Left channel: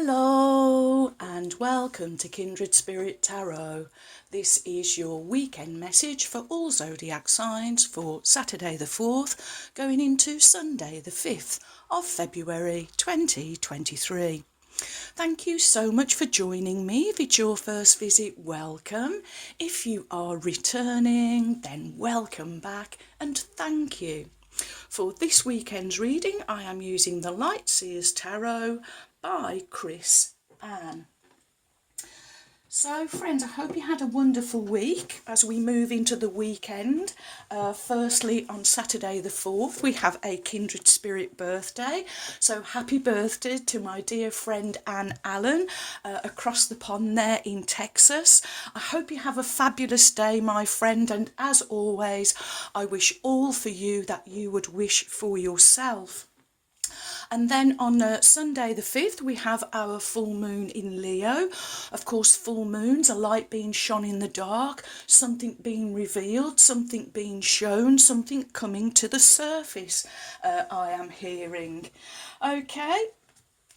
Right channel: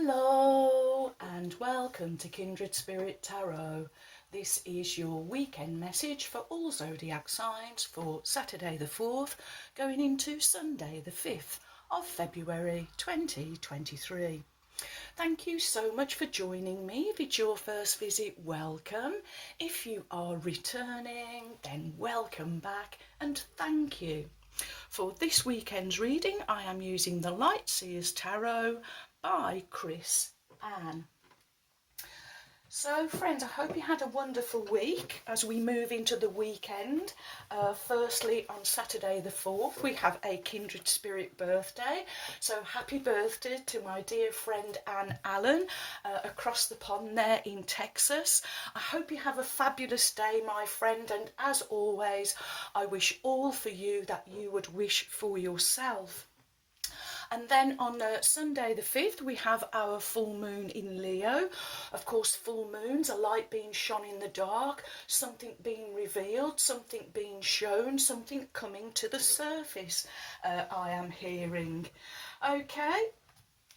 Hello and welcome to Kindred Spirit Tarot. This is your weekend message for all zodiac signs for Saturday the 4th going into Sunday the 5th of February 2023. Thank you so much for joining me. If it's your first visit, welcome. If you are returning, then welcome back and thank you. For this weekend's reading, I am using the Light Seers Tarot by Ruth I. So friends, I hope you had a wonderful week as we move into the weekend. Firstly, on Saturday the 4th, we have a Kindred Spirit birthday. So happy birthday to my dear friend Anne Allen across the pond there in Texas. I hope you have a fabulous day, my friend. And as always, I wish all for you that you would wish for yourself. And then on Sunday the 5th, we have our full moon in Leo. Of course, full moons, a light being shone in the dark, something being revealed, something being shown, something coming to the surface, I am hearing. Okay,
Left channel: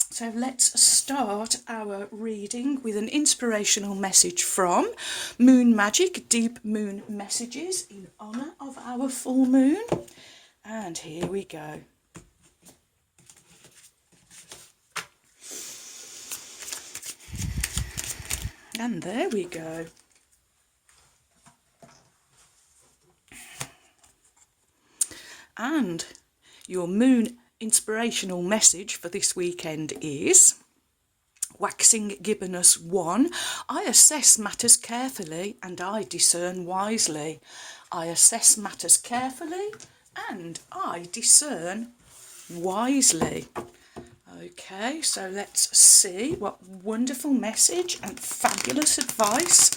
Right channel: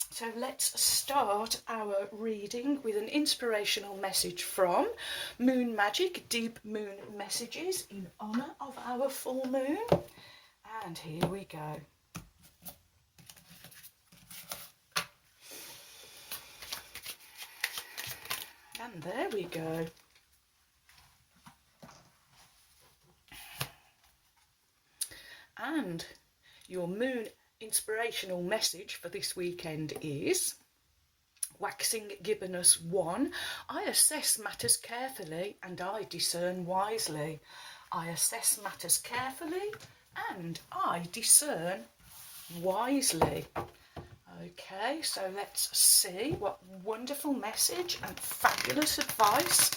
so let's start our reading with an inspirational message from Moon Magic, Deep Moon Messages in honour of our full moon. And here we go. And there we go. And your moon inspirational message for this weekend is Waxing Gibbonus 1. I assess matters carefully and I discern wisely. I assess matters carefully and I discern wisely. Okay, so let's see what wonderful message and fabulous advice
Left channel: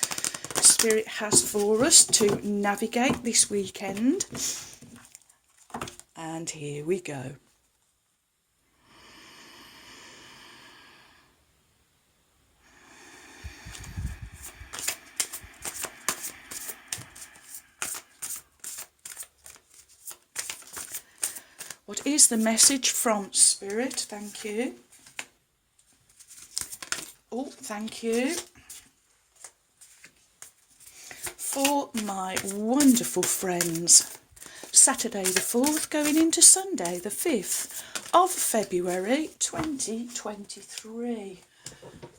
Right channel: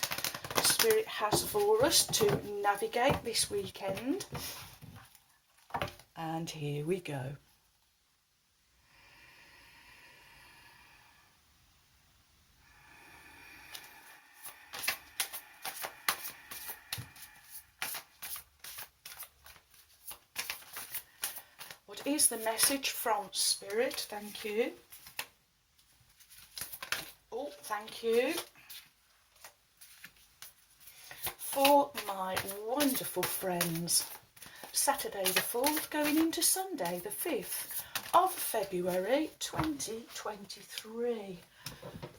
Spirit has for us to navigate this weekend. And here we go. What is the message from Spirit? Thank you. Oh, thank you. For my wonderful friends. Saturday the 4th going into Sunday the 5th of February 2023.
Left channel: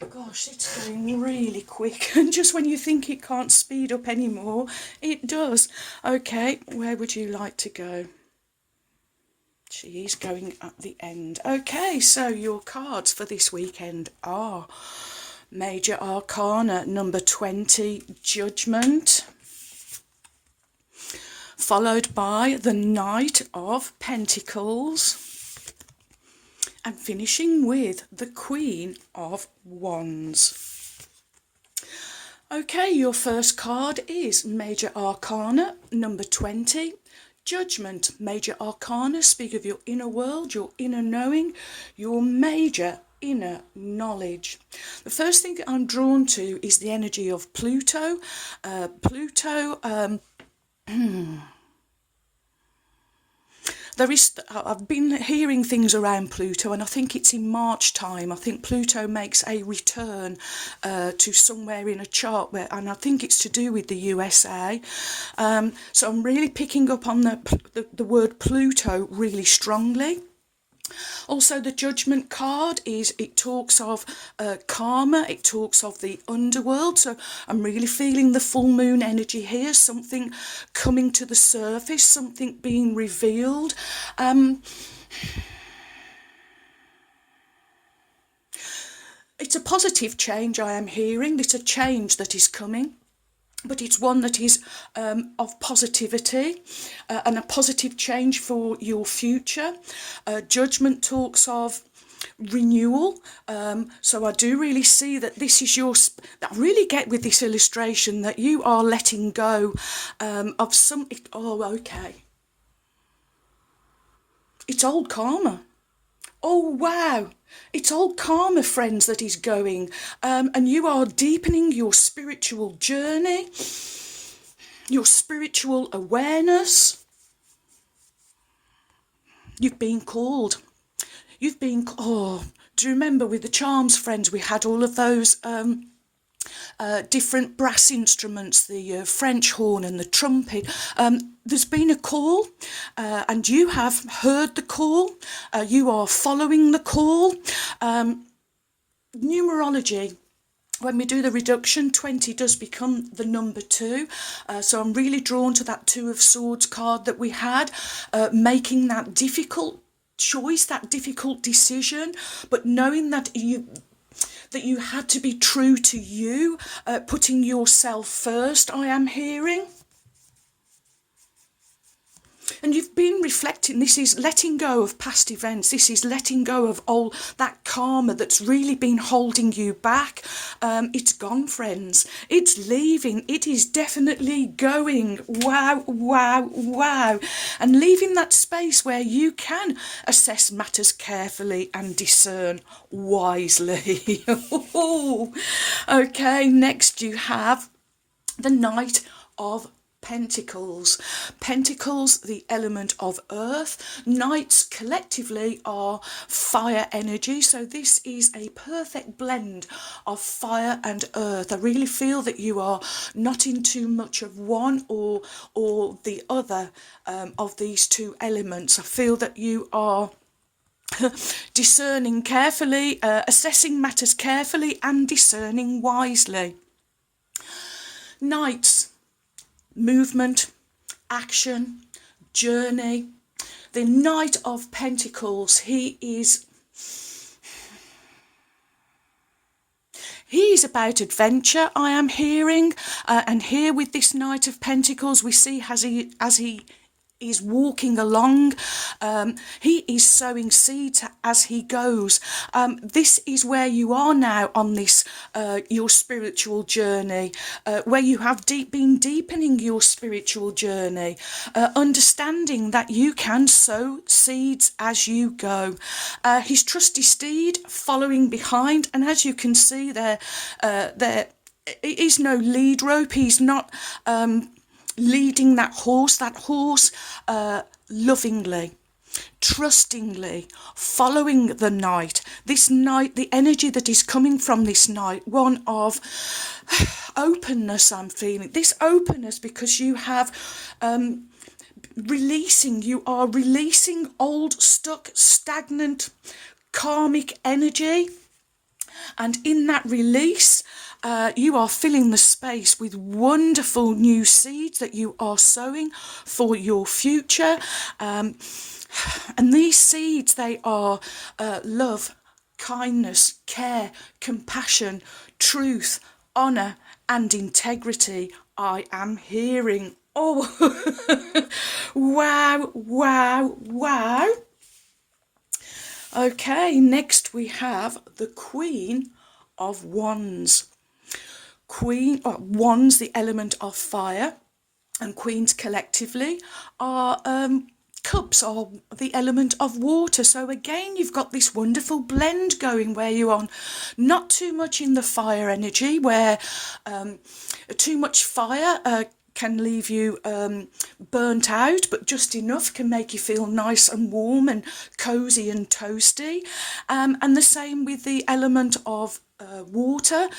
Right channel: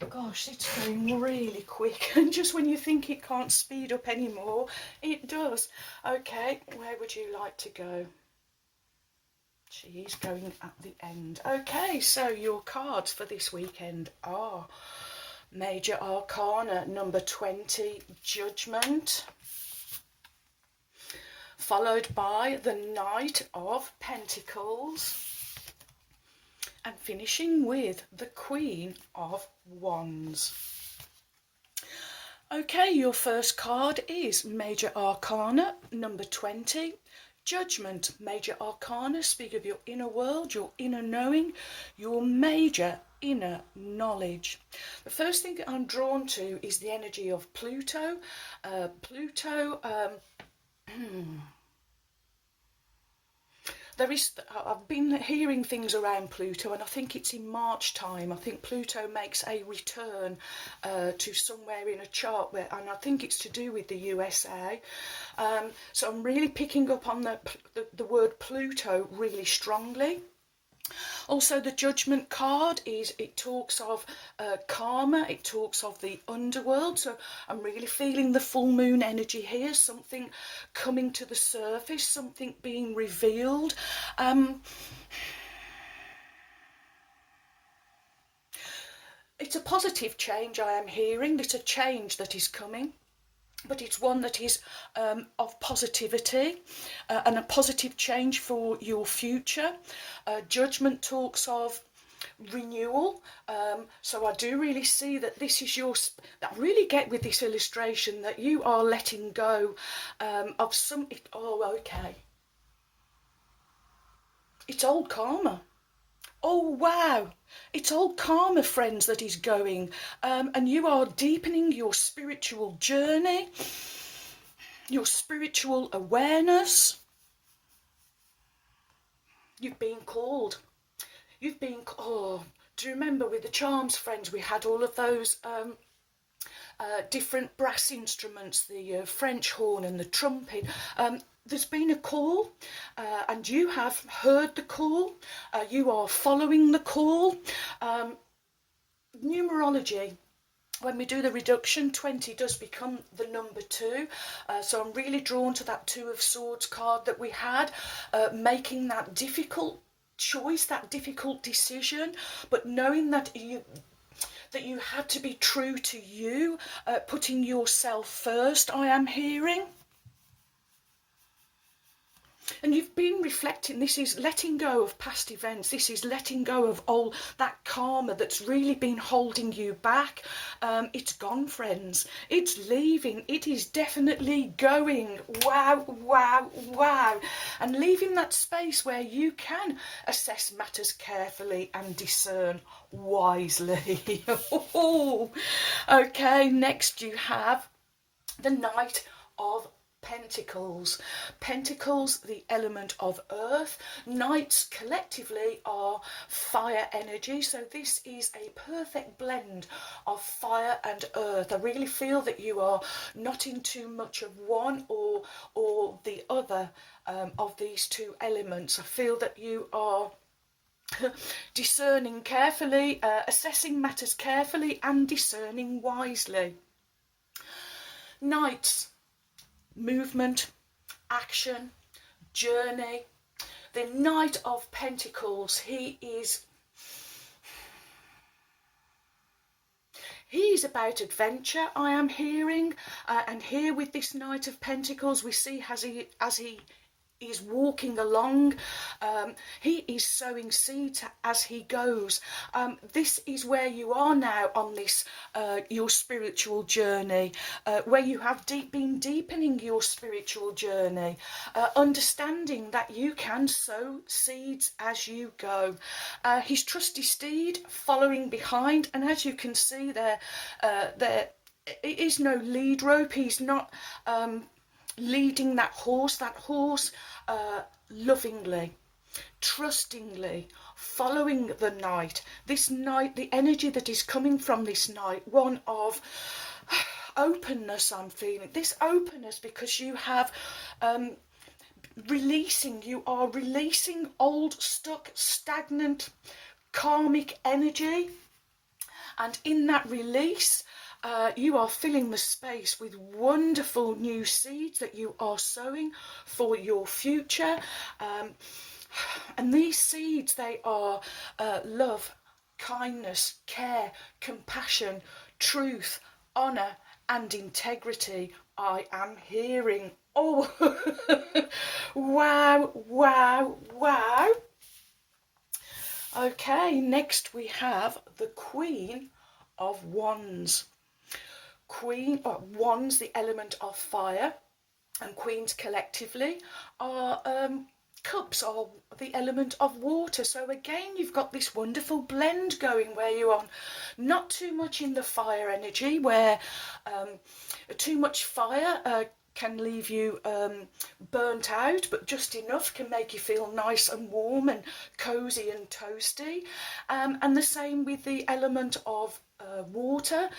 Gosh, it's going really quick. And just when you think it can't speed up anymore, it does. Okay, where would you like to go? She is going at the end. Okay, so your cards for this weekend are Major Arcana number 20, Judgment, followed by the Knight of Pentacles, and finishing with the Queen of Wands. Okay, your first card is Major Arcana number 20, Judgment. Major Arcana speak of your inner world, your inner knowing, your major inner knowledge. The first thing that I'm drawn to is the energy of Pluto. I've been hearing things around Pluto, and I think it's in March time. I think Pluto makes a return to somewhere in a chart, and I think it's to do with the USA. So I'm really picking up on the word Pluto really strongly. Also, the Judgment card it talks of karma, it talks of the underworld. So I'm really feeling the full moon energy here, something coming to the surface, something being revealed. It's a positive change I am hearing. It's a change that is coming, but it's one that is of positivity and a positive change for your future. Judgment talks of renewal, so I do really see that this is I really get with this illustration that you are letting go of something. Oh, okay. It's old karma. Oh, wow. It's old karma, friends, that is going. And you are deepening your spiritual journey, your spiritual awareness. You've been called. You've been, Do you remember with the charms, friends, we had all of those different brass instruments, the French horn and the trumpet. There's been a call, and you have heard the call. You are following the call. Numerology, when we do the reduction, 20 does become the number 2. So I'm really drawn to that 2 of Swords card that we had, making that difficult choice, that difficult decision, but knowing that you had to be true to you, putting yourself first, I am hearing. And you've been reflecting, this is letting go of past events, this is letting go of all that karma that's really been holding you back. It's gone, friends, it's leaving, it is definitely going. Wow, wow, wow. And leaving that space where you can assess matters carefully and discern wisely. Okay, next you have the Knight of Pentacles. Pentacles, the element of earth. Knights collectively are fire energy, so this is a perfect blend of fire and earth. I really feel that you are not in too much of one or the other of these two elements. I feel that you are discerning carefully, assessing matters carefully and discerning wisely. Knights, movement, action, journey. The Knight of Pentacles, he is about adventure, I am hearing, and here with this Knight of Pentacles we see as he is walking along, he is sowing seeds as he goes. This is where you are now on this your spiritual journey, where you have been deepening your spiritual journey, understanding that you can sow seeds as you go. His trusty steed following behind, and as you can see there is no lead rope. He's not leading that horse lovingly, trustingly, following the Knight. This Knight, the energy that is coming from this Knight, one of openness, I'm feeling. This openness because you have you are releasing old, stuck, stagnant, karmic energy. And in that release, you are filling the space with wonderful new seeds that you are sowing for your future. And these seeds, they are love, kindness, care, compassion, truth, honour and integrity. I am hearing. Oh, wow, wow, wow. Okay, next we have the Queen of Wands. Wands, the element of fire, and queens collectively are cups, are the element of water. So again, you've got this wonderful blend going where you're on not too much in the fire energy, where too much fire can leave you burnt out, but just enough can make you feel nice and warm and cozy and toasty. And the same with the element of water.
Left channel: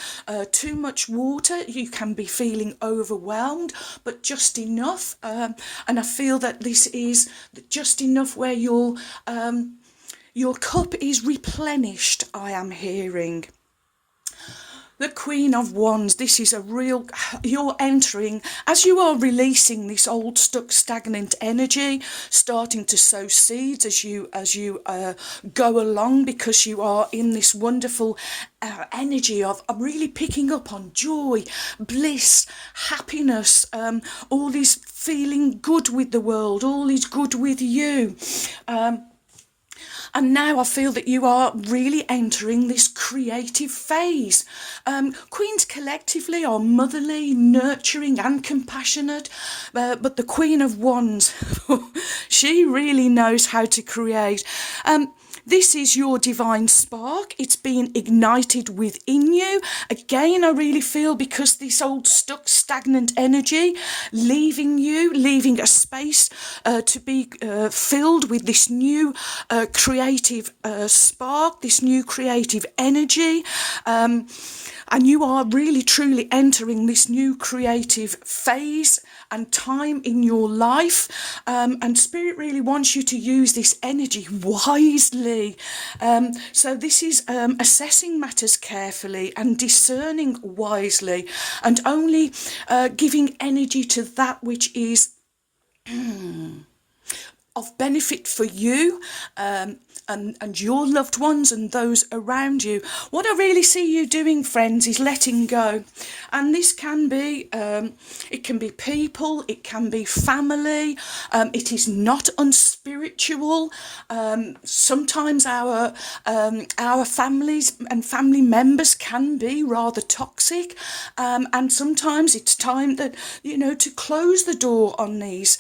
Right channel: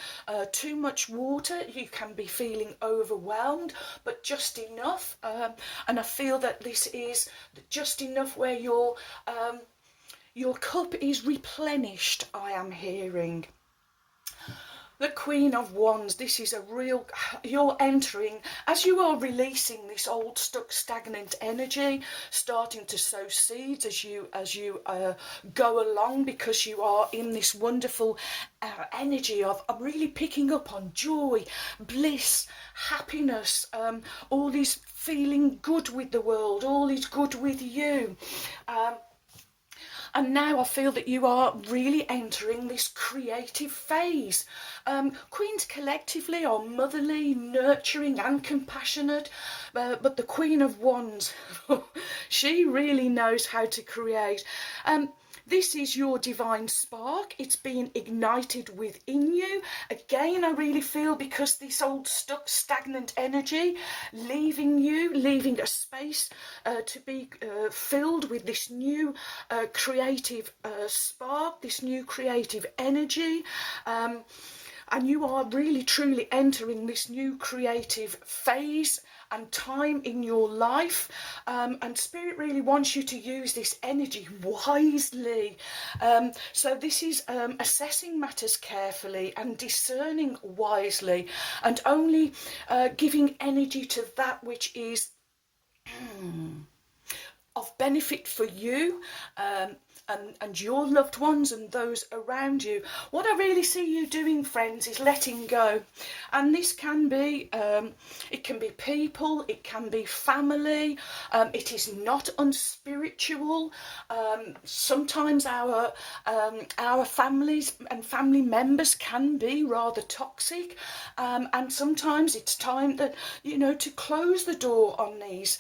Too much water, you can be feeling overwhelmed, but just enough. And I feel that this is just enough where your cup is replenished, I am hearing. The Queen of Wands, this is a real, you're entering, as you are releasing this old, stuck, stagnant energy, starting to sow seeds as you go along, because you are in this wonderful energy of really picking up on joy, bliss, happiness, all is feeling good with the world, all is good with you. And now I feel that you are really entering this creative phase. Queens collectively are motherly, nurturing and compassionate, but the Queen of Wands, she really knows how to create. This is your divine spark. It's been ignited within you. Again, I really feel because this old stuck stagnant energy leaving you, leaving a space to be filled with this new creative spark, this new creative energy. And you are really truly entering this new creative phase and time in your life, and Spirit really wants you to use this energy wisely. So this is assessing matters carefully and discerning wisely, and only giving energy to that which is of benefit for you, and your loved ones and those around you. What I really see you doing, friends, is letting go. And this can be, it can be people, it can be family, it is not unspiritual. Sometimes our families and family members can be rather toxic, and sometimes it's time that, to close the door on these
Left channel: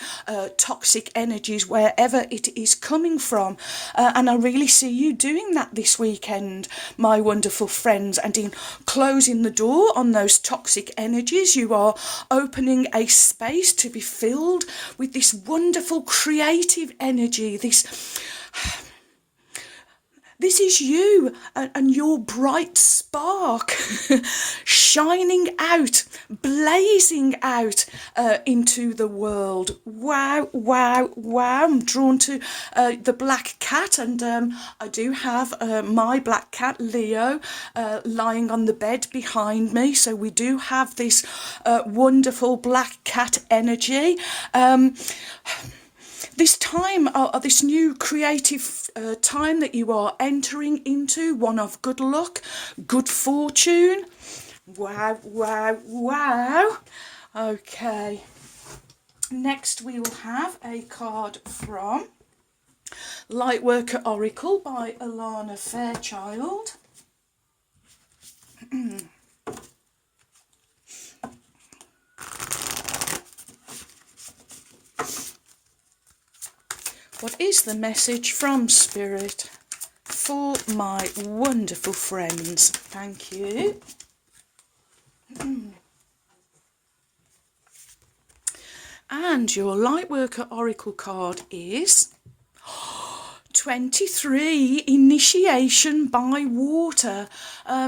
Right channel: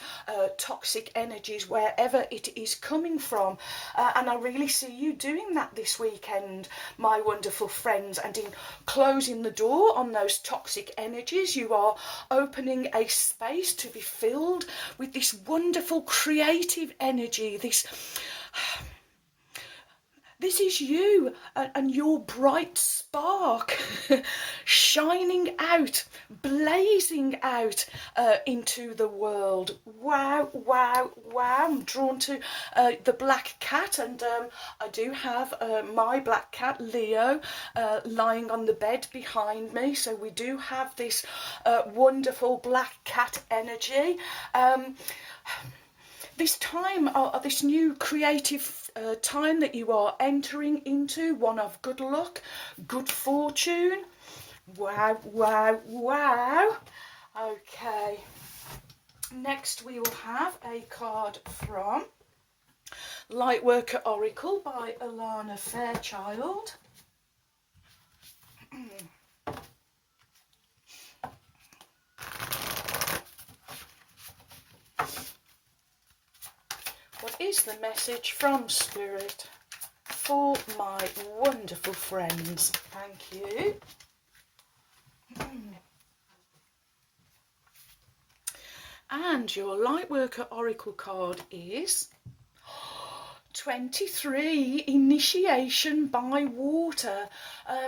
toxic energies wherever it is coming from. And I really see you doing that this weekend, my wonderful friends, and in closing the door on those toxic energies, you are opening a space to be filled with this wonderful creative energy, this is you and your bright spark shining out, blazing out into the world. Wow, wow, wow. I'm drawn to the black cat, and I do have my black cat, Leo, lying on the bed behind me. So we do have this wonderful black cat energy. This time, this new creative time that you are entering into, one of good luck, good fortune. Wow, wow, wow. Okay. Next we will have a card from Lightworker Oracle by Alana Fairchild. What is the message from Spirit for my wonderful friends? Thank you. And your Lightworker Oracle card is 23, initiation by water.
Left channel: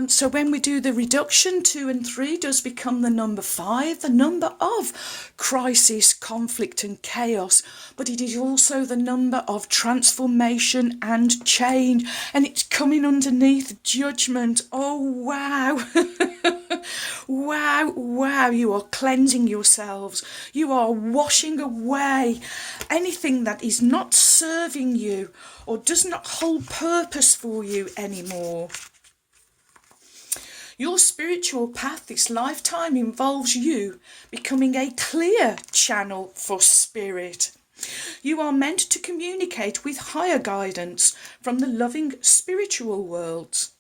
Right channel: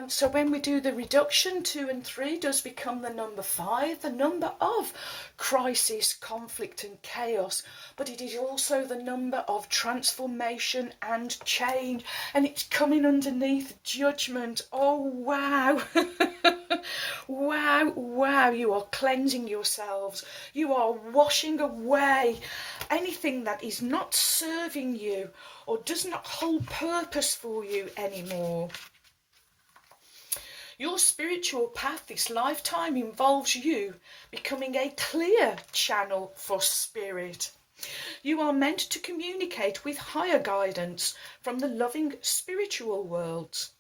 So when we do the reduction, 2 and 3 does become the number 5, the number of crisis, conflict and chaos. But it is also the number of transformation and change. And it's coming underneath judgment. Oh, wow. Wow, wow, you are cleansing yourselves. You are washing away anything that is not serving you or does not hold purpose for you anymore. Your spiritual path this lifetime involves you becoming a clear channel for spirit. You are meant to communicate with higher guidance from the loving spiritual worlds.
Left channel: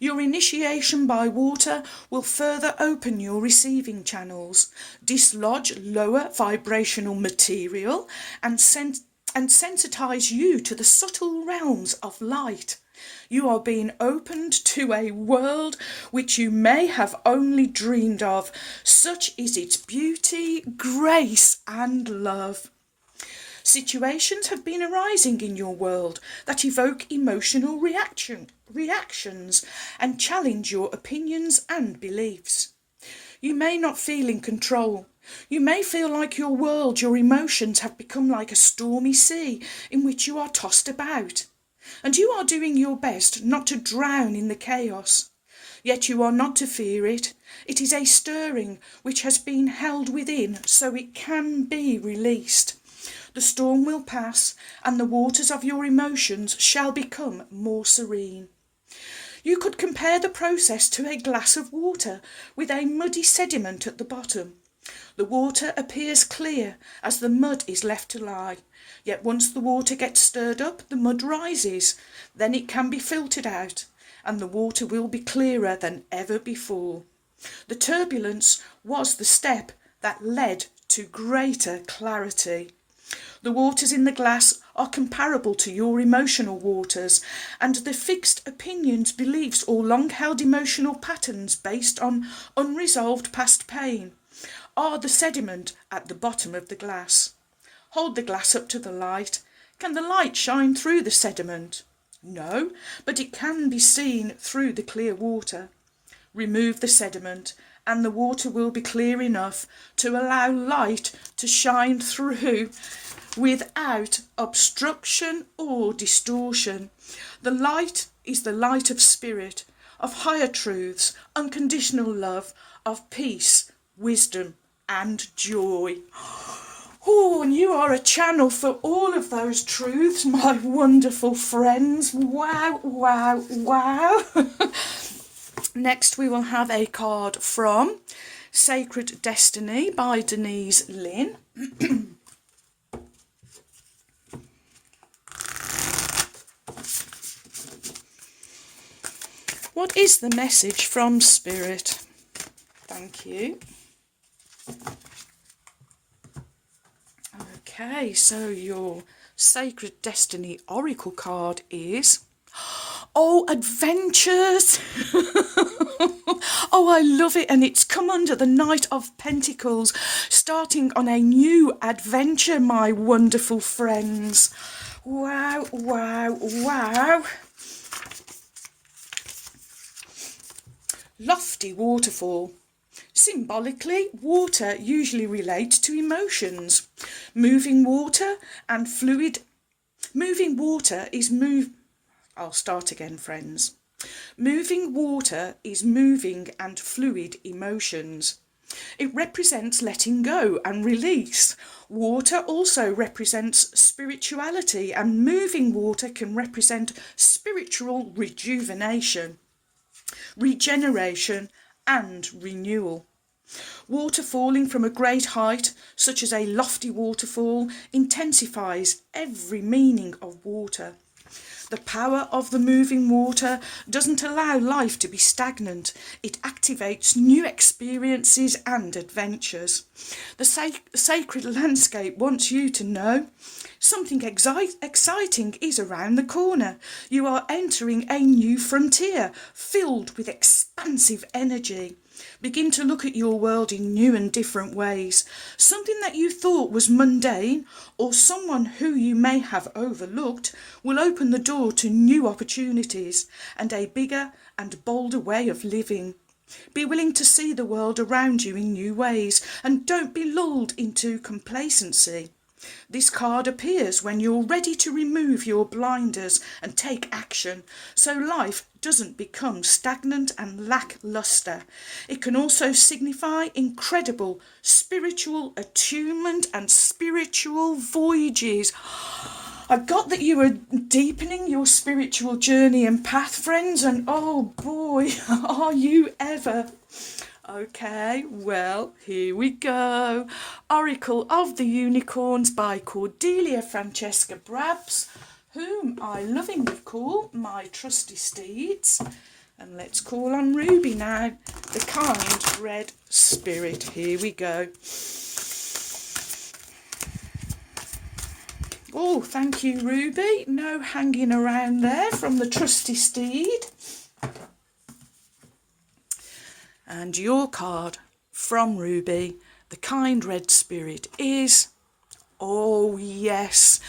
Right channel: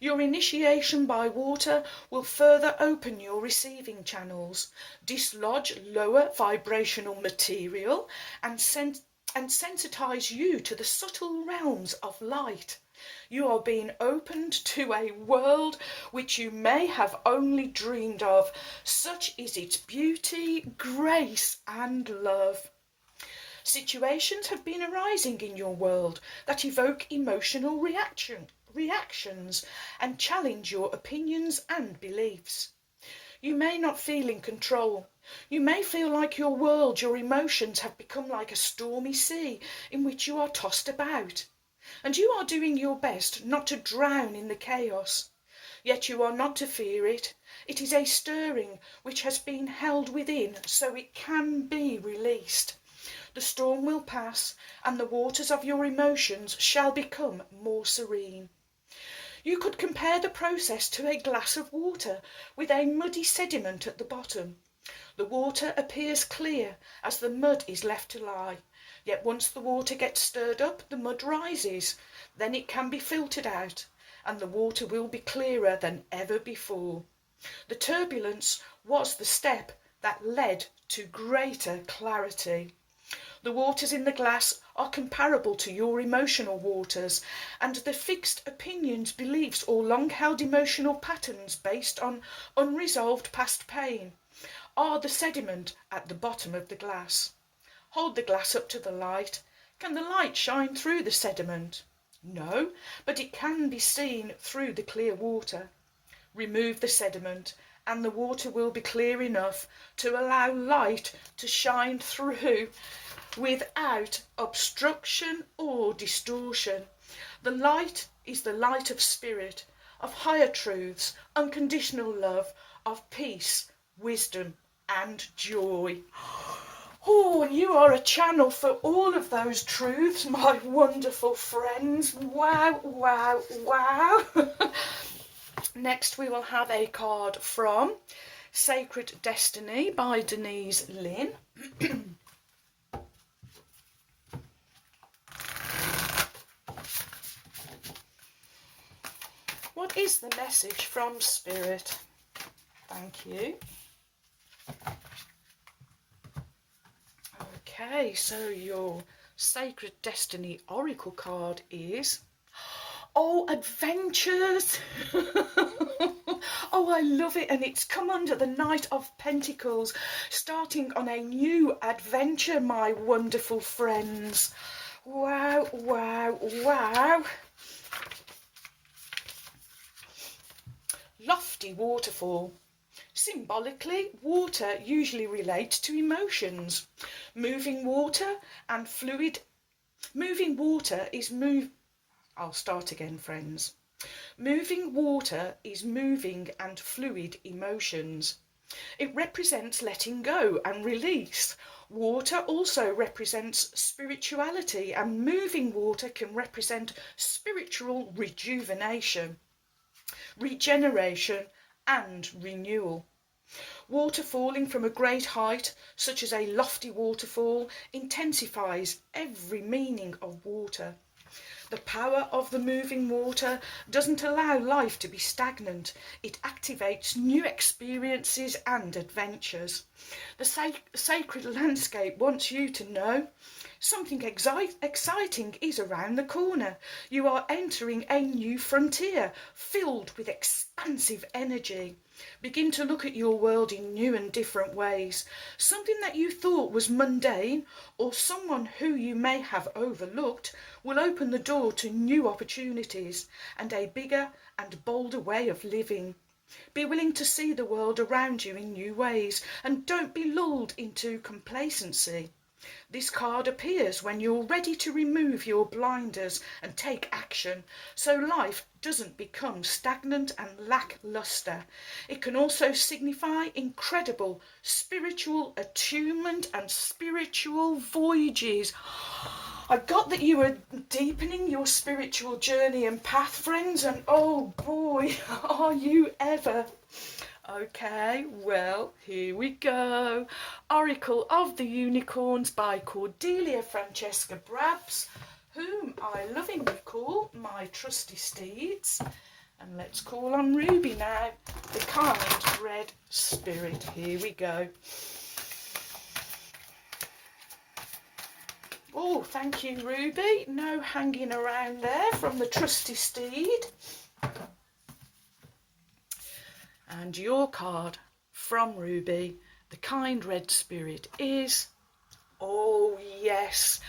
Your initiation by water will further open your receiving channels, dislodge lower vibrational material, and sensitize you to the subtle realms of light. You are being opened to a world which you may have only dreamed of. Such is its beauty, grace, and love. Situations have been arising in your world that evoke emotional reactions and challenge your opinions and beliefs. You may not feel in control. You may feel like your world, your emotions have become like a stormy sea in which you are tossed about. And you are doing your best not to drown in the chaos. Yet you are not to fear it. It is a stirring which has been held within, so it can be released. The storm will pass, and the waters of your emotions shall become more serene. You could compare the process to a glass of water with a muddy sediment at the bottom. The water appears clear as the mud is left to lie, yet once the water gets stirred up, the mud rises. Then it can be filtered out, and the water will be clearer than ever before. The turbulence was the step that led to greater clarity. The waters in the glass are comparable to your emotional waters, and the fixed opinions, beliefs, or long-held emotional patterns based on unresolved past pain are the sediment at the bottom of the glass. Hold the glass up to the light. Can the light shine through the sediment? No, but it can be seen through the clear water. Remove the sediment, and the water will be clear enough to allow light to shine through without obstruction or distortion. The light is the light of spirit, of higher truths, unconditional love, of peace, wisdom, and joy. Oh, and you are a channel for all of those truths, my wonderful friends. Wow, wow, wow. Next, we will have a card from Sacred Destiny by Denise Lynn. What is the message from Spirit? Thank you. Okay, so your Sacred Destiny Oracle card is... Oh, adventures! Oh, I love it, and it's come under the Knight of Pentacles, starting on a new adventure, my wonderful friends. Wow, wow, wow. Lofty waterfall. Symbolically, water usually relates to emotions. Moving water and fluid. Moving water is I'll start again, friends. Moving water is moving and fluid emotions. It represents letting go and release. Water also represents spirituality, and moving water can represent spiritual rejuvenation, regeneration, and renewal. Water falling from a great height, such as a lofty waterfall, intensifies every meaning of water. The power of the moving water doesn't allow life to be stagnant. It activates new experiences and adventures. The sacred landscape wants you to know something exciting is around the corner. You are entering a new frontier filled with expansive energy. Begin to look at your world in new and different ways. Something that you thought was mundane, or someone who you may have overlooked, will open the door to new opportunities and a bigger and bolder way of living. Be willing to see the world around you in new ways, and don't be lulled into complacency. This card appears when you're ready to remove your blinders and take action, so life doesn't become stagnant and lackluster. It can also signify incredible spiritual attunement and spiritual voyages. I got that you are deepening your spiritual journey and path, friends, and oh boy, are you ever. Okay, well, here we go. Oracle of the Unicorns by Cordelia Francesca Brabs, whom I lovingly call my trusty steeds. And let's call on Ruby now, the kind red spirit. Here we go. Oh, thank you, Ruby. No hanging around there from the trusty steed. And your card from Ruby, the kind red spirit, is, oh yes,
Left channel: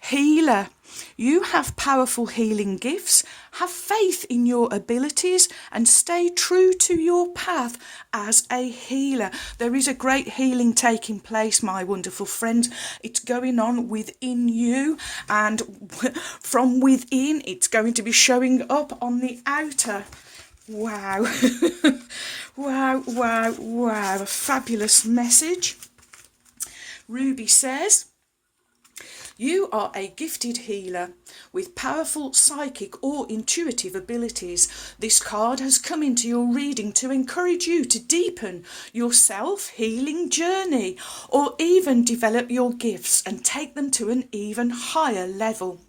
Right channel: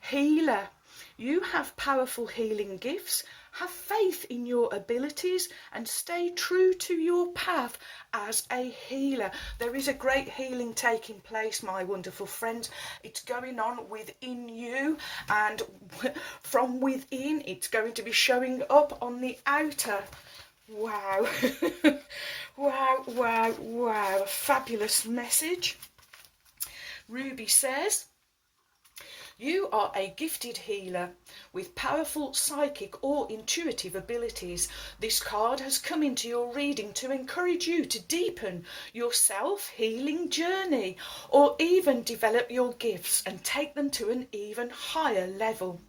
healer. You have powerful healing gifts. Have faith in your abilities and stay true to your path as a healer. There is a great healing taking place, my wonderful friend. It's going on within you, and from within it's going to be showing up on the outer. Wow. Wow, wow, wow. A fabulous message. Ruby says, you are a gifted healer with powerful psychic or intuitive abilities. This card has come into your reading to encourage you to deepen your self-healing journey, or even develop your gifts and take them to an even higher level.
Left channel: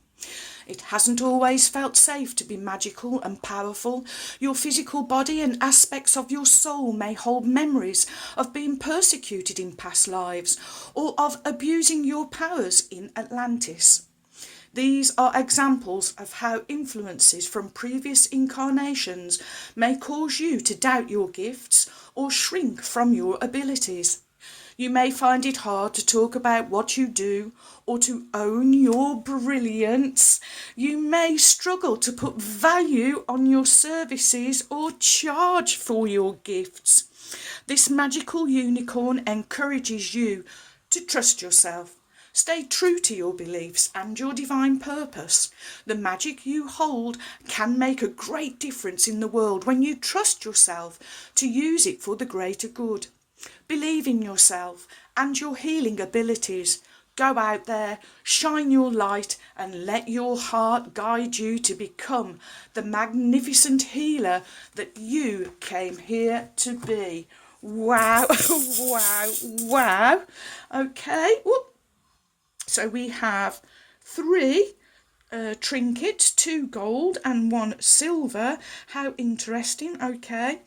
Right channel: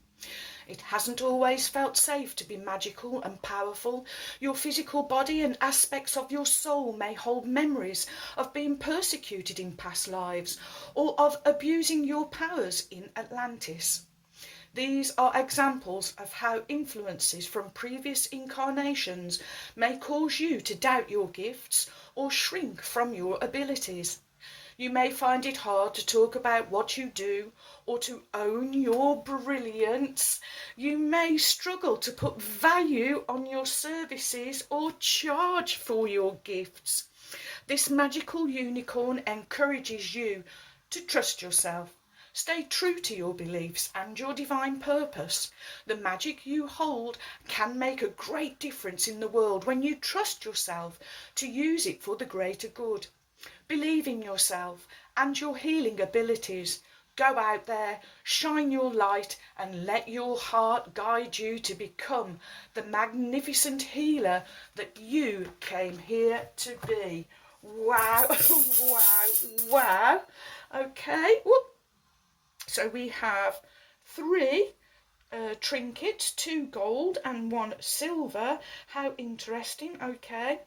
It hasn't always felt safe to be magical and powerful. Your physical body and aspects of your soul may hold memories of being persecuted in past lives, or of abusing your powers in Atlantis. These are examples of how influences from previous incarnations may cause you to doubt your gifts or shrink from your abilities. You may find it hard to talk about what you do or to own your brilliance. You may struggle to put value on your services or charge for your gifts. This magical unicorn encourages you to trust yourself. Stay true to your beliefs and your divine purpose. The magic you hold can make a great difference in the world when you trust yourself to use it for the greater good. Believe in yourself and your healing abilities. Go out there, shine your light, and let your heart guide you to become the magnificent healer that you came here to be. Wow, wow, wow. Okay, whoop. So we have 3 trinkets, 2 gold and 1 silver. How interesting. Okay.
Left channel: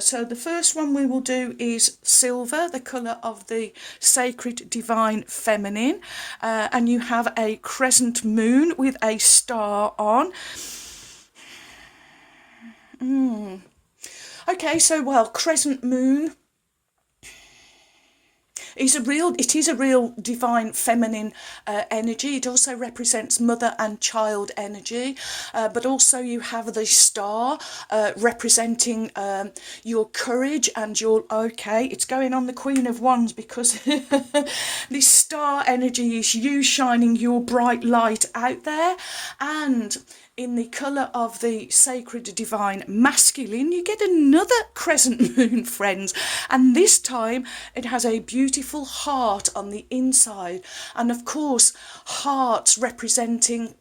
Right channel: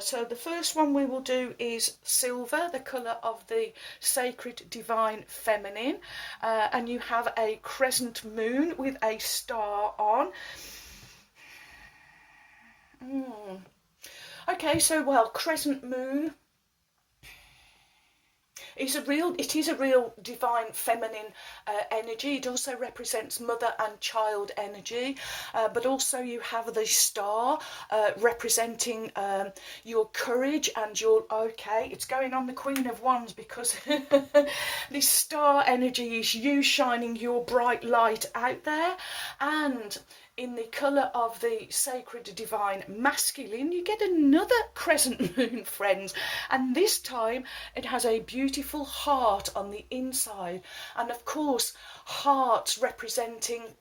So the first one we will do is silver, the colour of the sacred divine feminine, and you have a crescent moon with a star on. Okay, so well, crescent moon is a real divine feminine energy. It also represents mother and child energy, but also you have the star representing your courage and your, okay, it's going on the Queen of Wands because this star energy is you shining your bright light out there. And in the colour of the sacred divine masculine, you get another crescent moon, friends, and this time it has a beautiful heart on the inside, and of course hearts representing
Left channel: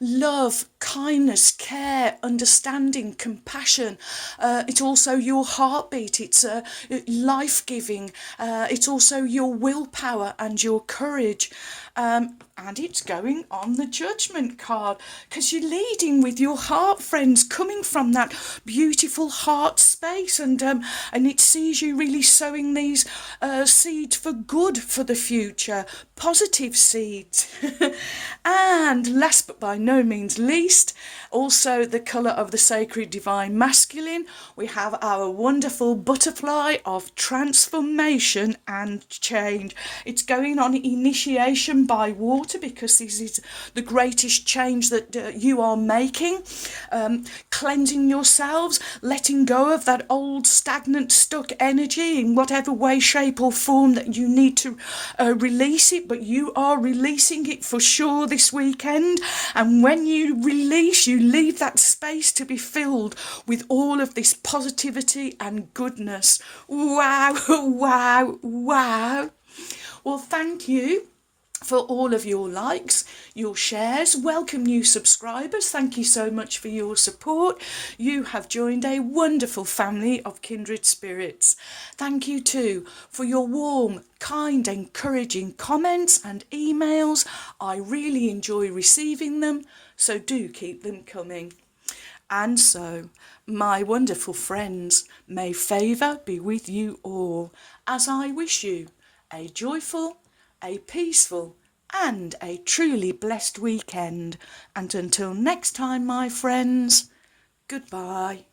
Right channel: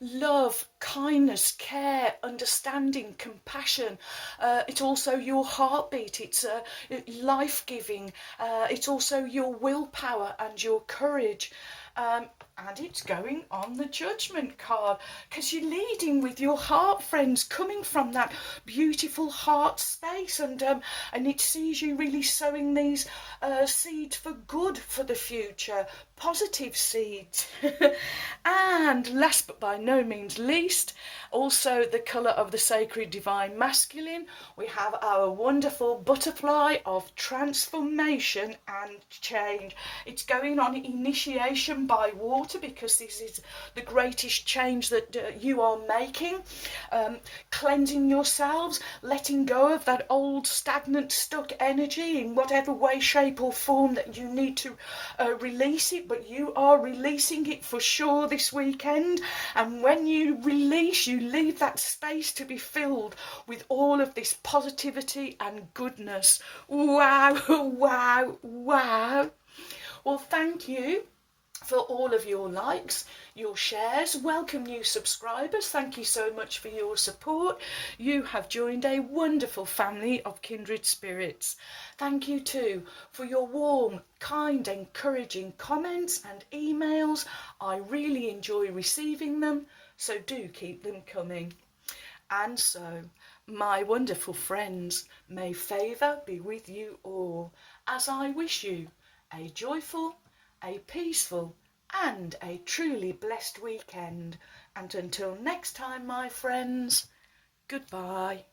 love, kindness, care, understanding, compassion. It's also your heartbeat, it's life-giving, it's also your willpower and your courage. And it's going on the judgment card because you're leading with your heart, friends, coming from that beautiful heart space, and it sees you really sowing these seeds for good for the future, positive seeds. And last but by no means least, also the colour of the sacred divine masculine, we have our wonderful butterfly of transformation and change. It's going on initiation by water because this is the greatest change that you are making. Cleansing yourselves, letting go of that old stagnant stuck energy in whatever way, shape or form that you need to release it, but you are releasing it for sure this weekend. And when you release, you leave that space to be filled with all of this positivity and goodness. Wow, wow, wow. Well, thank you for all of your likes, your shares. Welcome new subscribers. Thank you so much for your support. You have joined a wonderful family of kindred spirits. Thank you too for your warm, kind, encouraging comments and emails. I really enjoy receiving them, so do keep them coming. And so, my wonderful friends, may favour be with you all, as I wish you a joyful, a peaceful and a truly blessed weekend. And until next time, my friends, goodbye.